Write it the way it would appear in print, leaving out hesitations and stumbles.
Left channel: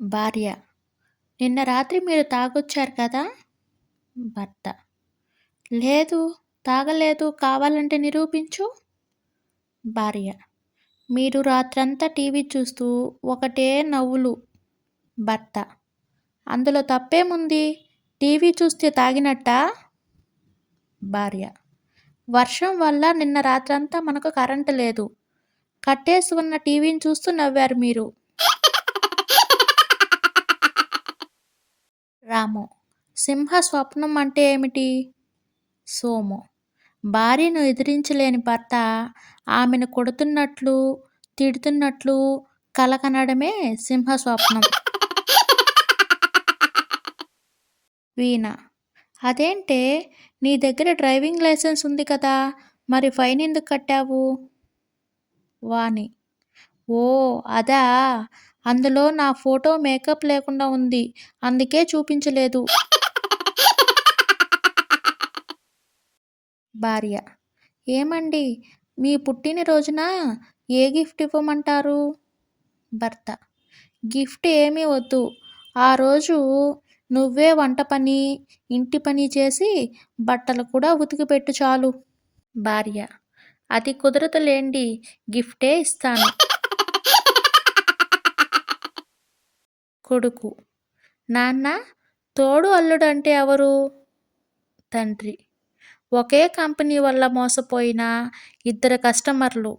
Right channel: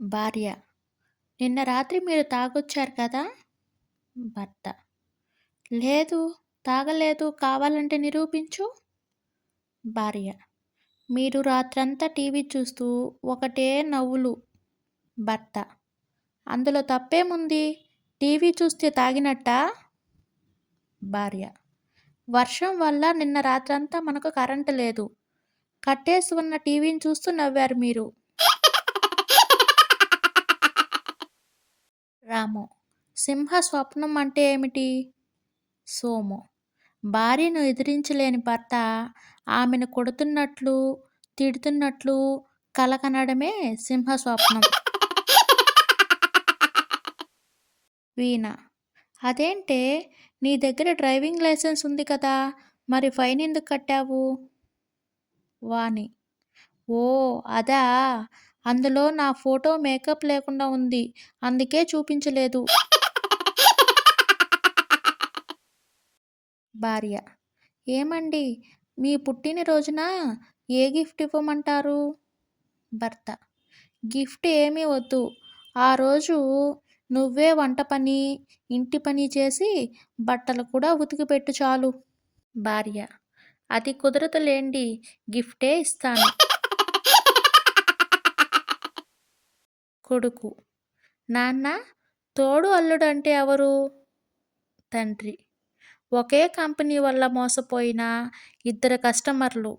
భార్య: నిన్న రాత్రి మీరు తాగొచ్చారు కదా? భర్త: లేదు, తాగలేదు, కావాలంటే నిరూపించు. భార్య: మీరు రాత్రంతా టీవీ చూస్తూ ఒకటే నవ్వులు. భర్త: అందులో తప్పేముంది? టీవీ చూస్తే తాగినట్టా? భార్య: వర్షం వల్ల నిన్న రాత్రంతా మనకు కరెంటు లేదు. కట్టేసి ఉన్న టీవీని చూస్తూ నవ్వారు మీరు. రాము: సింహ స్వప్నం అంటే ఏమిటి? సోము: భార్యను ఎదిరించలేని భర్త ఆమెను కొడుతున్నట్లు, తిడుతున్నట్లు కల కనడమే సింహ స్వప్నం. వీణ: అదేంటే, నీ దగ్గర డ్రైవింగ్ లైసెన్స్ ఉంది కదా, మరి ఫైన్ ఎందుకు కట్టావు? వాణి: ఓ అదా, అందులో నా ఫోటో మేకప్ లేకుండా ఉంది, అందుకే చూపించలేదు. భార్య: ఏమండి, మీ పుట్టినరోజున ఏ గిఫ్ట్ ఇవ్వమంటారు? భర్త: గిఫ్ట్ ఏమీ వద్దు, ఆ రోజు నువ్వే వంట పని, ఇంటి పని చేసి బట్టలు కూడా ఉతికిపెట్టు చాలు. భార్య: అది కుదరదులేండి, గిఫ్టే ఇస్తాను. కొడుకు: నాన్న, తోడు అల్లుడు అంటే ఎవరు? తండ్రి: ఒకే కంపెనీ వల్ల మోసపోయిన ఇద్దరు కస్టమర్లు.